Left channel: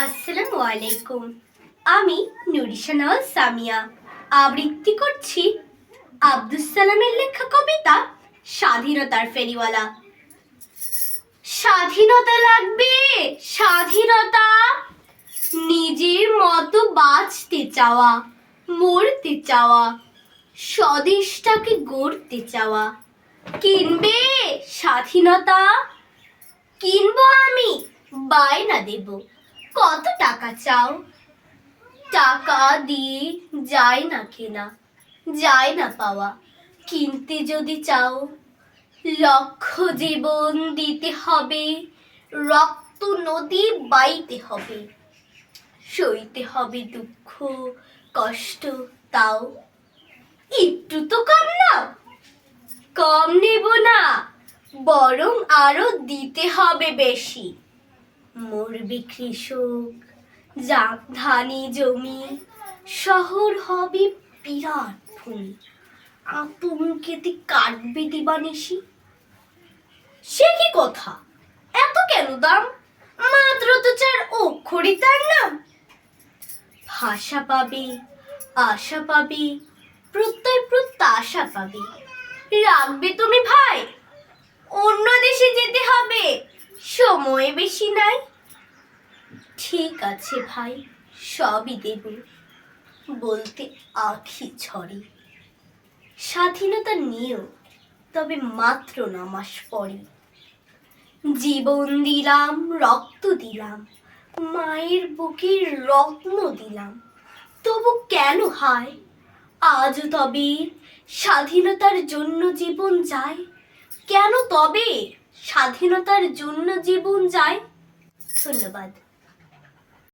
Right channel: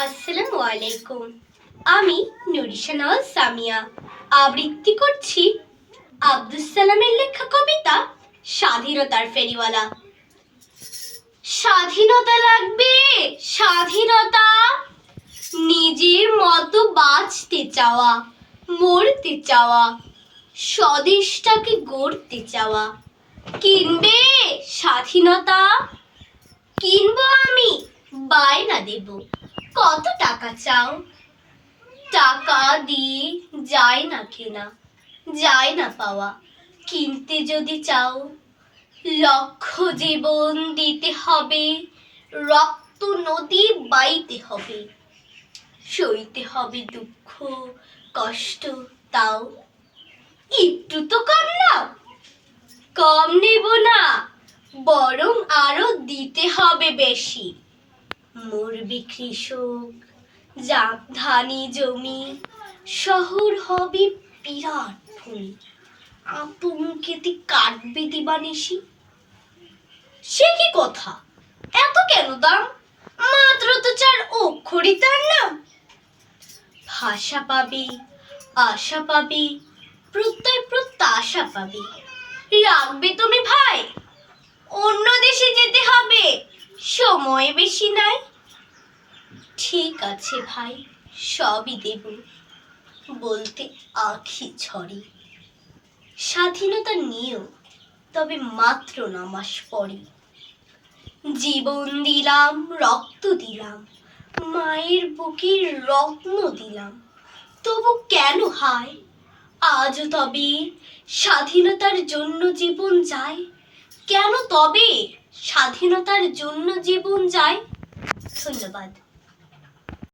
আসসালামু আলাইকুম। আমি নুরিশানাল সামিয়া আবৃত্তি করছি আব্দুস সালামের লেখা কবিতা স্বাধীনতার ফেরিওয়ালা। স্বাধীনতা লাগবে, স্বাধীনতা, নিজের মতো বাঁচতে চাওয়া, মরতে চাওয়া, স্বদেশটাকে গড়তে চাওয়া। কিনবে স্বাধীনতা? কিনবো আমি, বায়না দেব। কত টাকা চাও? টাকা দিয়ে যায় না কেনা, যায় না পাওয়া। কিনতে যদি চাও, লক্ষ জীবন দিতে হবে, রক্ত নদী বাইতে হবে, সইতে হবে দুঃখ কষ্ট। তাও একটু তো কম নাও। কম নেব না, বরং আরো দিতে হবে বেশি। মরবে কৃষক, ধানি জমি, শহর হবে বিরাট ভূমি, আতঙ্কেতে কাটবে দিবানিশি। সে কি কথা, এত কেন দাম? মাত্র তো 4 অক্ষরই তার নাম। ভাষা পাবে, আশা পাবে, প্রত্যয় প্রত্যাশা পাবে। রাখবে তুমি ভাই, অন্য দেশে যেতে হবে, সময় বেশি নাই। ঠিক আছে ভাই, সবই দেব, বলতে আঁখি ঝরে। স্বাধীনতা নিয়েও, তবে মাত্র 9 মাস পরে। জীবন দিলাম, রক্ত দিলাম, মায়ের বুকের রত্ন দিলাম, তবু কেন হায়? আজও তবে স্বাধীনতার জন্য জীবন যায়। কেন তবে স্বাধীনতার জন্য জীবন যায়? ধন্যবাদ।